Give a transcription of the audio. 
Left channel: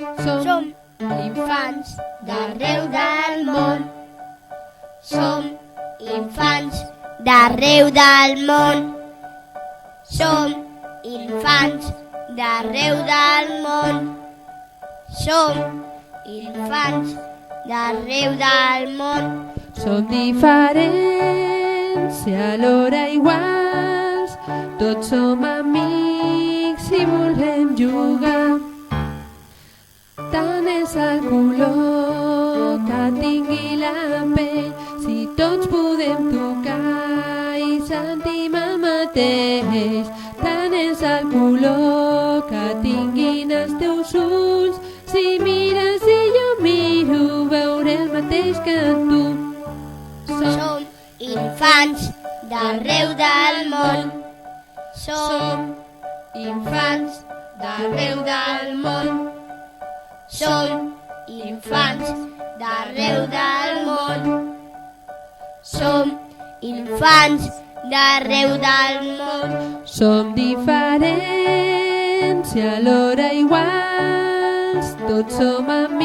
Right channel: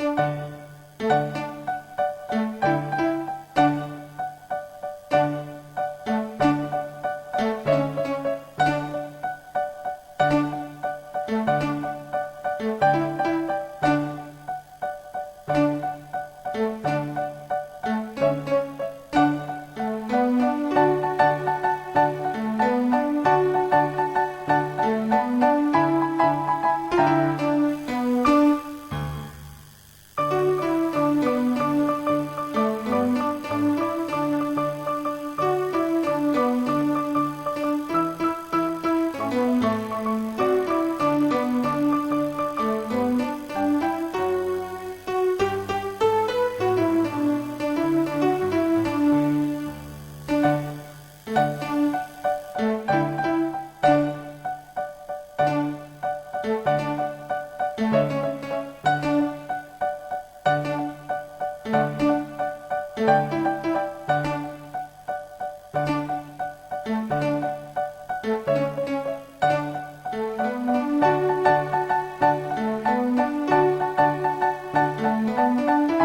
Som infants d'arreu del món. Som infants d'arreu del món. Som infants d'arreu del món. Som infants d'arreu del món. Som diferents i alhora iguals, tots som amics i volem jugar. Tant és el color que tingui la pell, si tots podem tocar i sentim el mateix. Tant és el color que tinguin els teus ulls, si mires i jo miro veuré el mateix que tu. Som infants d'arreu del món. Som infants d'arreu del món. Som infants d'arreu del món. Som infants d'arreu del món. Som diferents i alhora iguals, tots som amics